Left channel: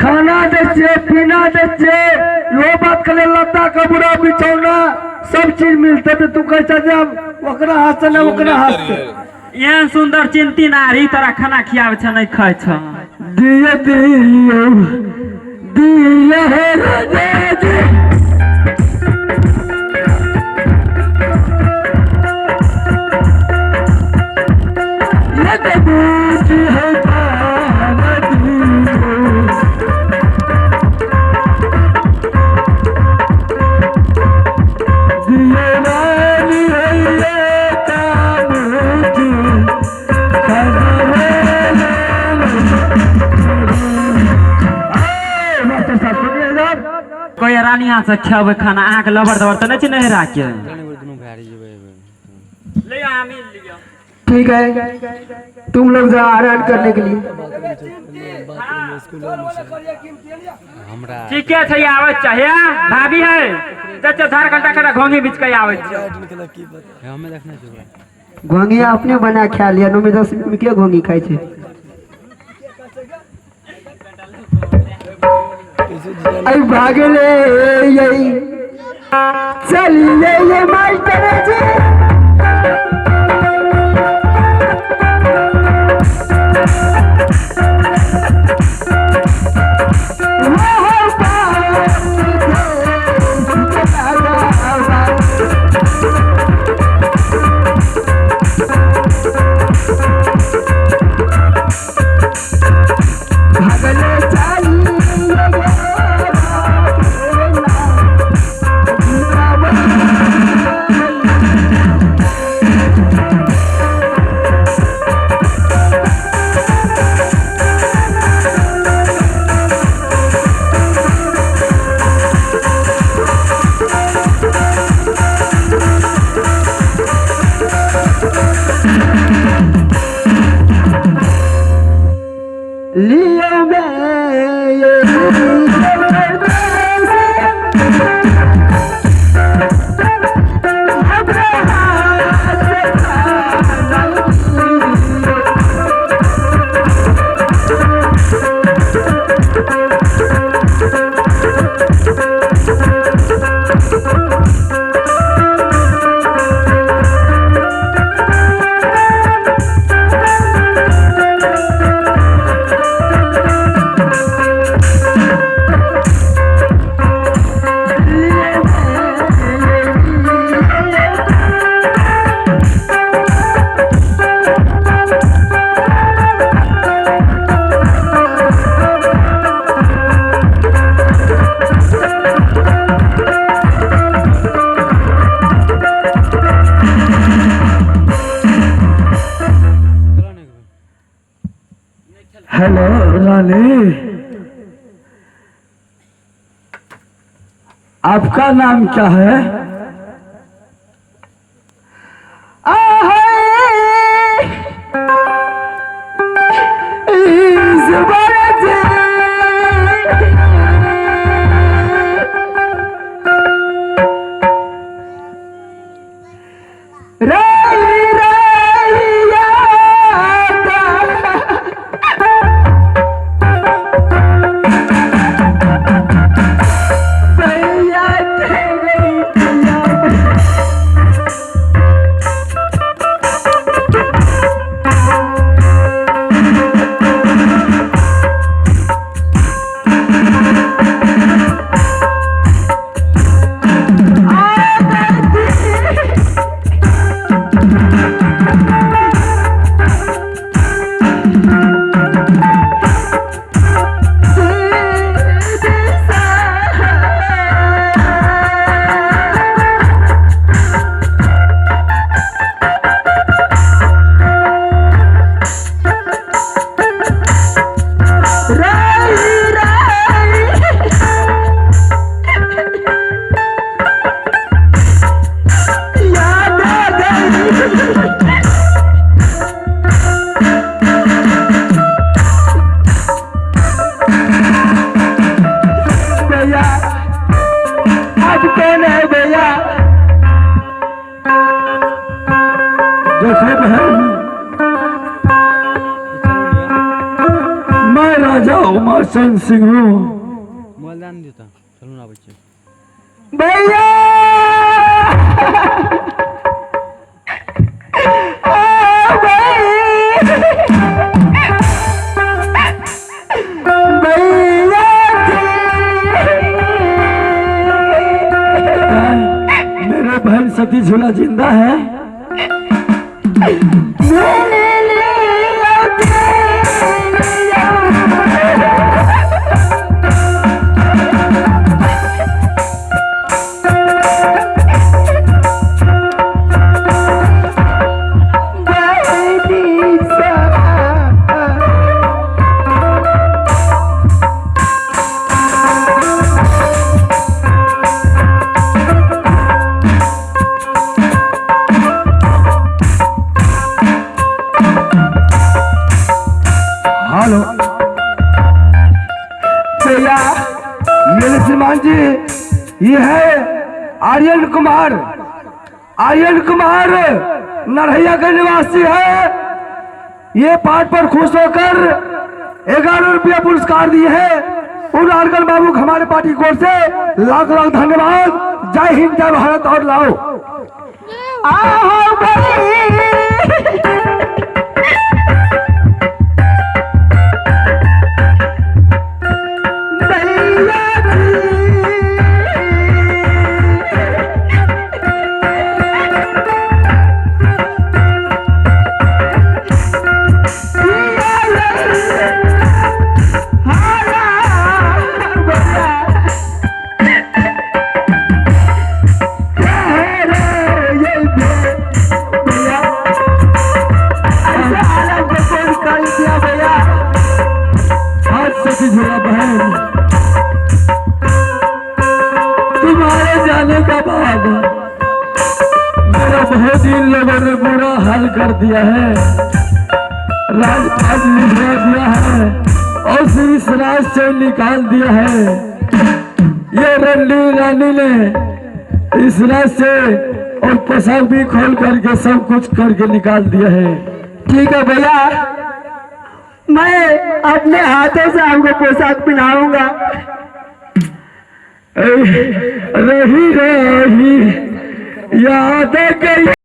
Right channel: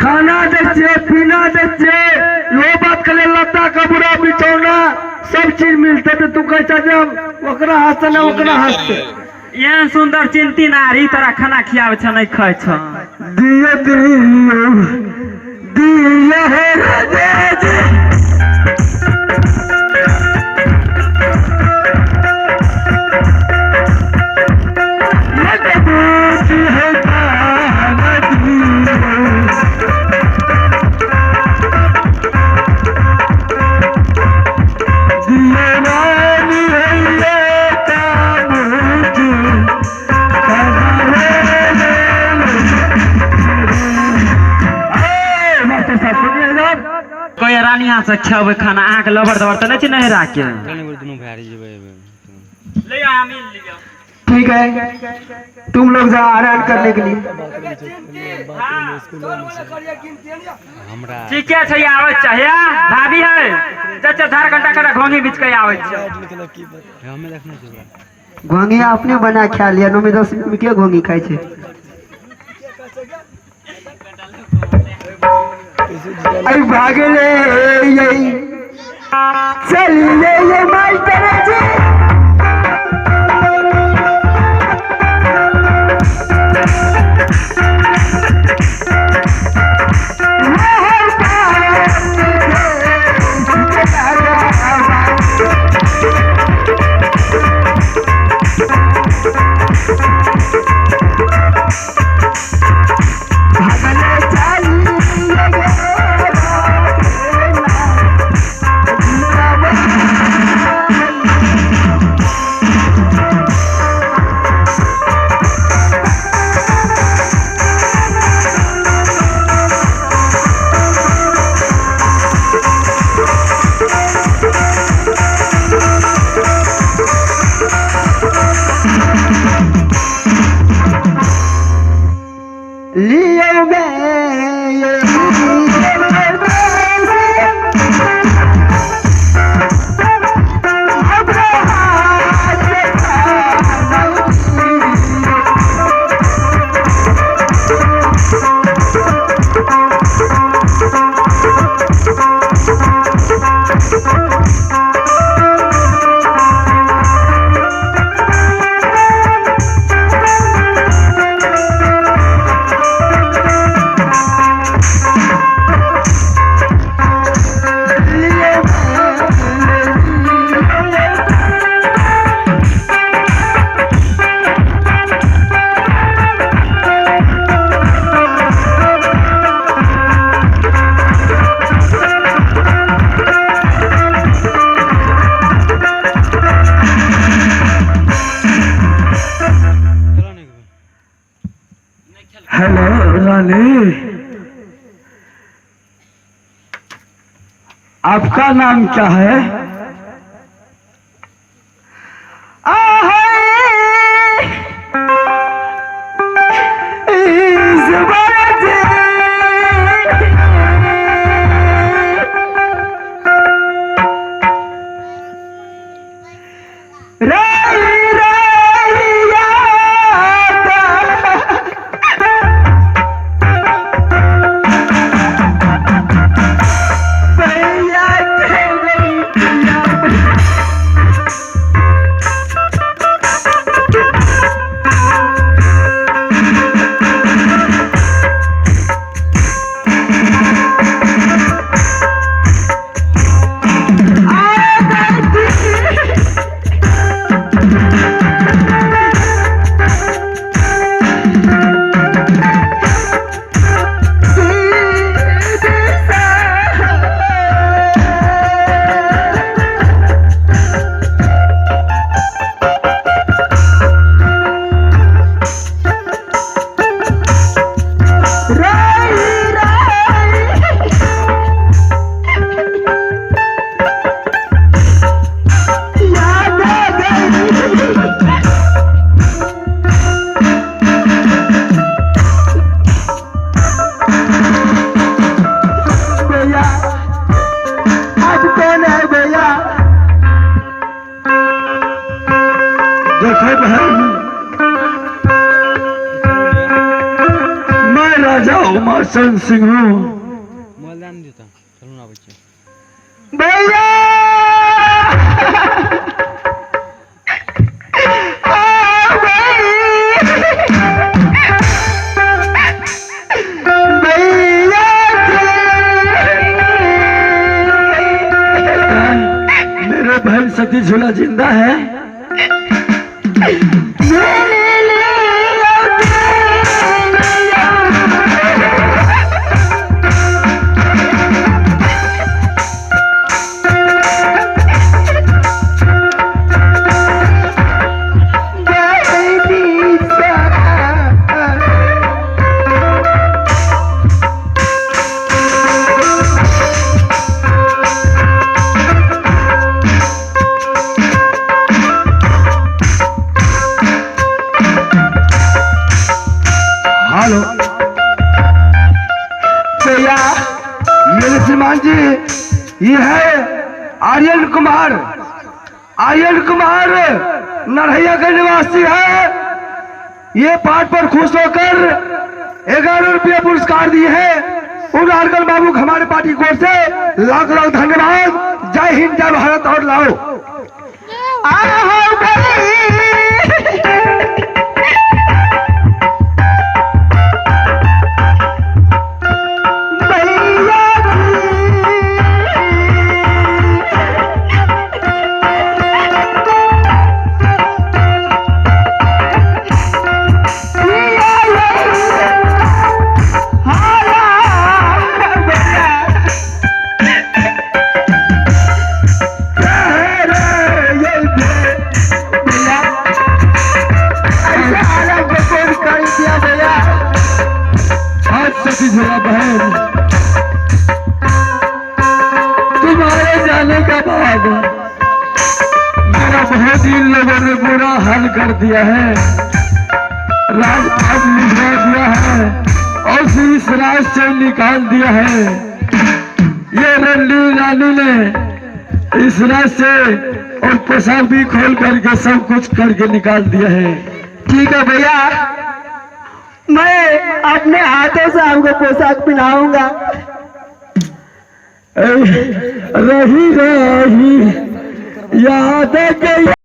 खाना दे पीना दे यो बात करे लता कपड़ा बिछौना सब चीज मिलते तो तू कैसा जब ओकरा हंस ना ओकरा हंस यहाँ सुंदर चिंती नारी तरह खाना खियावे छ नहीं खाए छ दिए दिए हे राजा कोई रानी हाथ से खावे खाना आँख लबर दबर तो नहीं नहीं राखे ले आ मिल लियो ठीक है तुम लोग जा आराम करने के लिए ठीक है आवे चाहिए भाभी है चाचा 4 घंटा का घोंगी बीच के आवे हमें देखना चाहिए घोंगी अपने बना खा लिया नो में 10 में के घोंगी खाई छे आई भागले यही चलिए ये मास्टर जी हेलो रानी आपका नाम क्या है देखा बहन मैं राजा हूँ घमासन सिंह हूँ। मोबाइल नहीं देता, चलो ना बच्चे। भैया मेरा बहन सती झूला जिंदा है। हेलो भैया, मेरे श्रीमान जी, ये है आर्यन कुमार। आर्यन कुमार नरहैया का निवासी है। ये पाठ पर खुश होकर 11 रुपया पुरस्कार दिए हैं। उन आर्गन बाबू हमारे पार्टी की ओर से लाख लाख धन्यवाद। जय हिंद, जय भारत और लाओ। बहन, तुम्हारे जाने का बाद मेरा बहुत ही लोगों ने बुरा हाल कर दिया है। राजपाट लिखवा दिया है और फिर इस राज से निकाल दिया है। ये रंडी रानी ने इस राज से और पोशाक भी खोल करके सब कुछ करके निकाल दिया है। ठीक है भैया, मैं अपने हाथों से आपको पोशाक पहनाऊंगा। रही रही याद गई।